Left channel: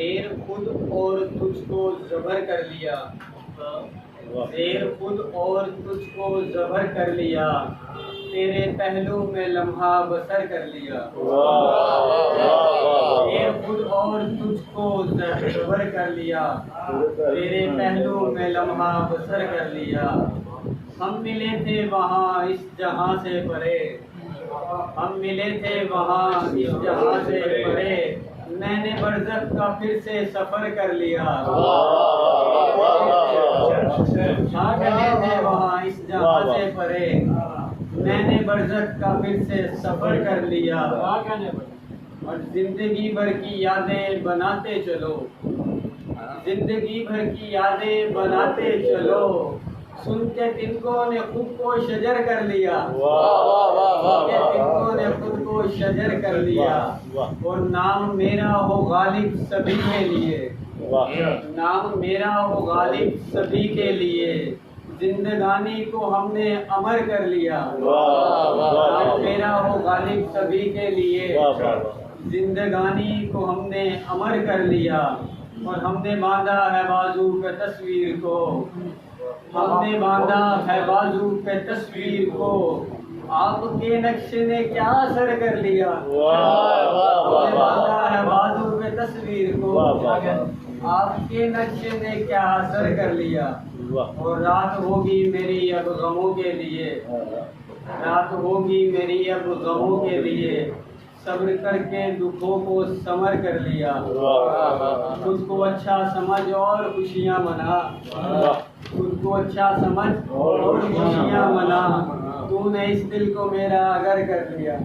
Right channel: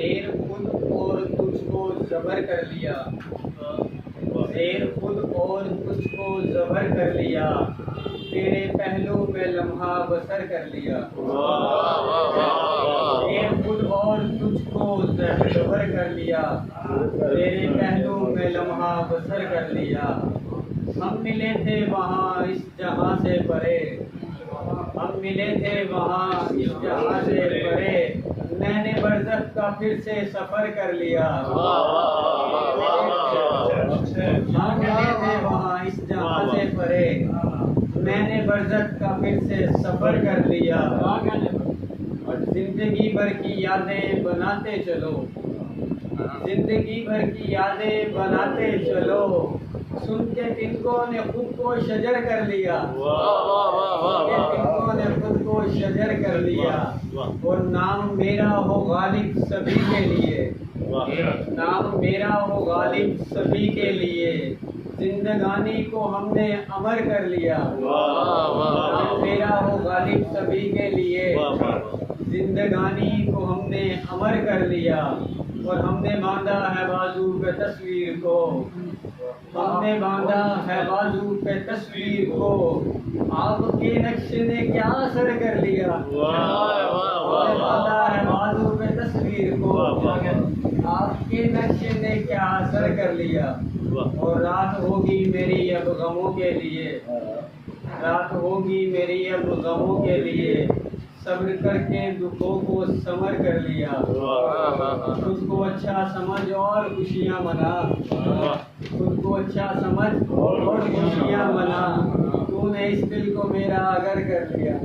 زیر خود اور تجھ کو زبر کر لیا، زیر خود اور تجھ کو زبر کر لیا، تیرے پہلو میں لمحہ بسر کر لیا، زیر خود اور تجھ کو زبر کر لیا، تیرے پہلو میں لمحہ بسر کر لیا۔ ہم ملے تھے وہاں اس جہاں سے پرے، ہم ملے تھے وہاں اس جہاں سے پرے، میں نے برزخ کا پھر سے سفر کر لیا، ہم ملے تھے وہاں اس جہاں سے پرے، میں نے برزخ کا پھر سے سفر کر لیا، اور زندگی بھر کی یادیں بناتے چلو، زندگی بھر کی یادیں بناتے چلو، سن کے تنکوں نے خود کو شجر کر لیا، سن کے تنکوں نے خود کو شجر کر لیا، اور نام میرا ہو غالب سبھی کے لیے، نام میرا ہو غالب سبھی کے لیے، زندگانی کو ہم نے امر کر لیا، نام میرا ہو غالب سبھی کے لیے، زندگانی کو ہم نے امر کر لیا، اور ہم نے باندھا ہے بازو پہ تصویر کو، ہم نے باندھا ہے بازو پہ تصویر کو، آپ کے نقش نے کیا اثر کر لیا، ہم نے باندھا ہے بازو پہ تصویر کو، آپ کے نقش نے کیا اثر کر لیا، اور رات ہوگی میری اب غموں کے لیے، رات ہوگی میری اب غموں کے لیے، صبر کر کے دکھوں کو سمر کر لیا، خود کو اچھا سمجھ اور خوشیاں منا، خود کو اچھا سمجھ اور خوشیاں منا، تو نے اس دل کو میرا اگر کر لیا۔